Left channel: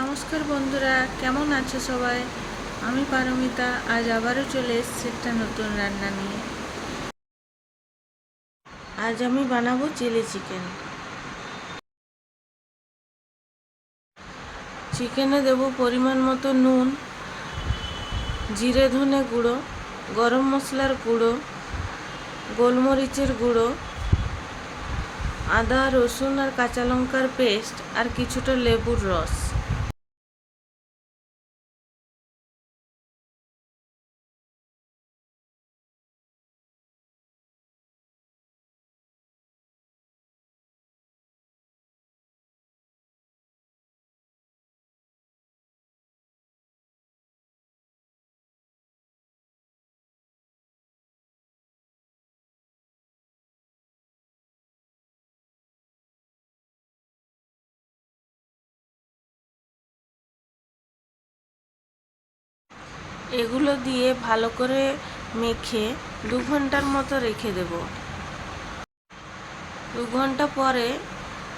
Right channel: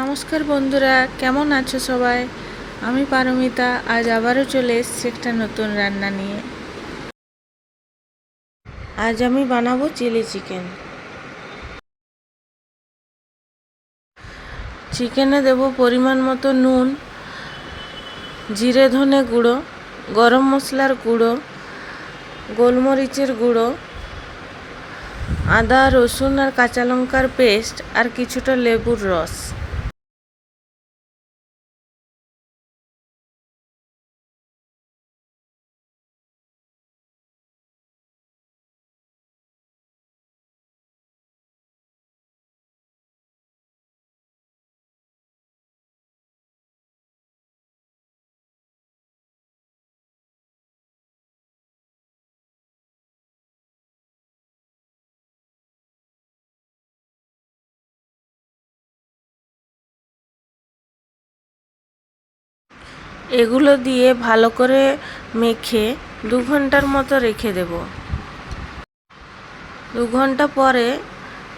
নমস্কার বন্ধুরা, কেমন আছো সবাই? আমি পারমিতা। আজ আবারও চলে এসেছি একটা নতুন রান্না নিয়ে। আজ আমি বানাবো চিলি চিকেন। চিকেনে দেব পরিমাণ মতো নুন, জিরে ধনে গুঁড়ো, গরম মশলার গুঁড়ো, গোলমরিচের গুঁড়ো, আদা রসুন আর কাঁচা লঙ্কার পেস্ট আর কিছুটা লেবুর রস। এগুলো দিয়ে ভালো করে মেখে 2 ঘন্টার মতো রেখে দেব। 2 ঘন্টা পরে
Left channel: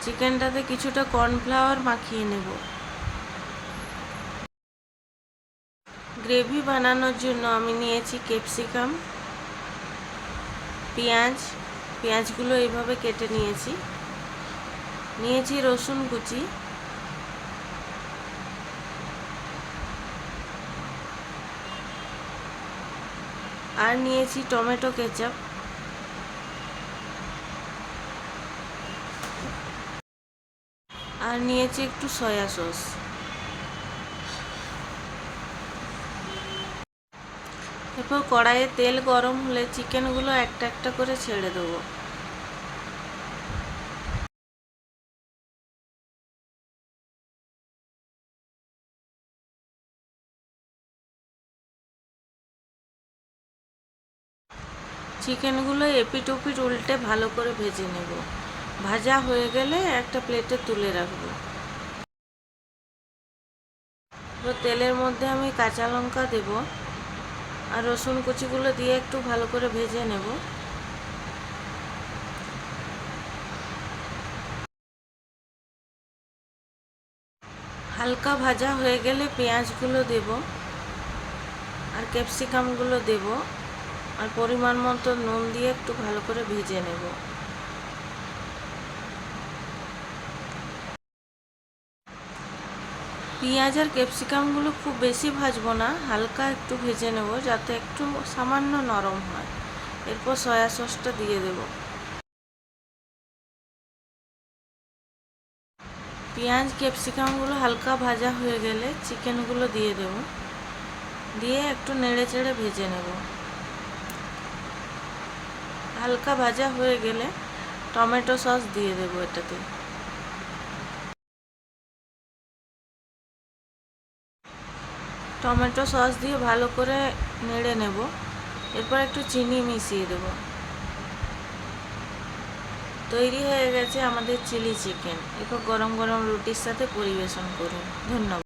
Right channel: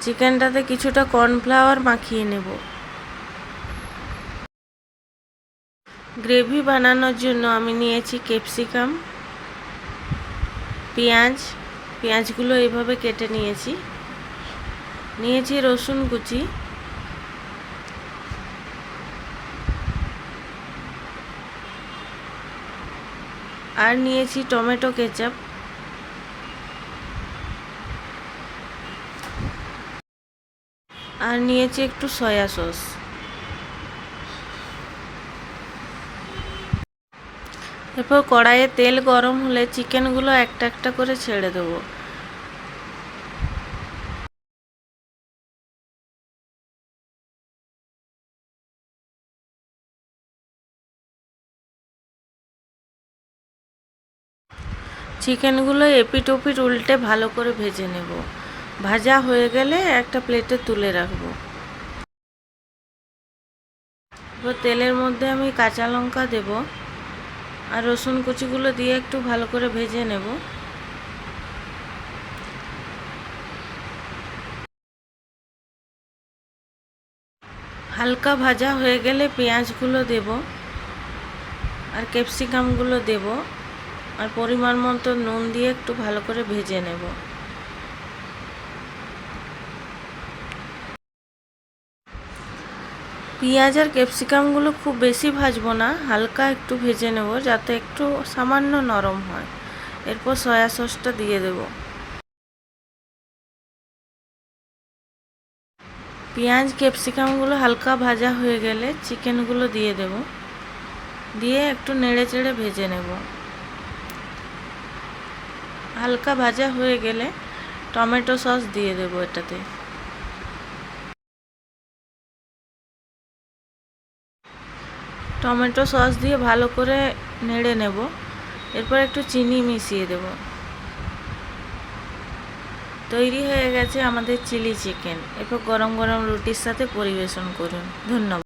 চিকেনটাতে কিছুটা কর্নফ্লাওয়ার মাখিয়ে নেব। গ্রেভি বানানোর জন্য আমি নিয়েছি ক্যাপসিকাম, পেঁয়াজগুলো এইভাবে কেটে নিয়েছি রসুন কুচি, আর নিয়েছি টমেটো কেচাপ, আর নিয়েছি একটু সয়া সস। এরপর কড়াইয়ে তেল গরম হলে চিকেনগুলো একটা একটা করে ছেড়ে দেবো। চিকেনগুলো এপিট ওপিট উল্টে ভালো করে ভেজে নেব। ভাজা হয়ে গেলে একটা প্লেটে তুলে রাখবো। এবার তেলের মধ্যে আমি কাঁচা লঙ্কা দেব আর রসুন কুচিগুলো দিয়ে একটু ভালো করে ভেজে নেব। হালকা ভাজা হয়ে গেলে পেঁয়াজগুলো দেব আর ক্যাপসিকামগুলো দেব আর পরিমাণ মতো নুন দিয়ে একটু ভালো করে ভেজে নেব। পেঁয়াজ আর ক্যাপসিকামগুলো খুব বেশি ভাজবো না, হালকা একটু ভেজে নেব যাতে একটু সামান্য নরম হয়। এরপর সয়া সসটা দিয়ে দেব। পেঁয়াজ ক্যাপসিকামগুলো হালকা ভাজা হয়ে গেলে চিকেনগুলো দিয়ে দেব, দিয়ে একটু নেড়ে চেড়ে ভেজে নেব। হালকা ভাজা হয়ে গেলে টমেটো সস দিয়ে দেবো এটাতে। টমেটো সস দিয়ে ভালো করে নেড়ে নেব। এরপর একটু চিনি মিশিয়ে দেব। তৈরি হয়ে গেছে আমাদের চিলি চিকেন। এরপর গরম গরম রুটির সাথে পরিবেশন করুন। ধন্যবাদ।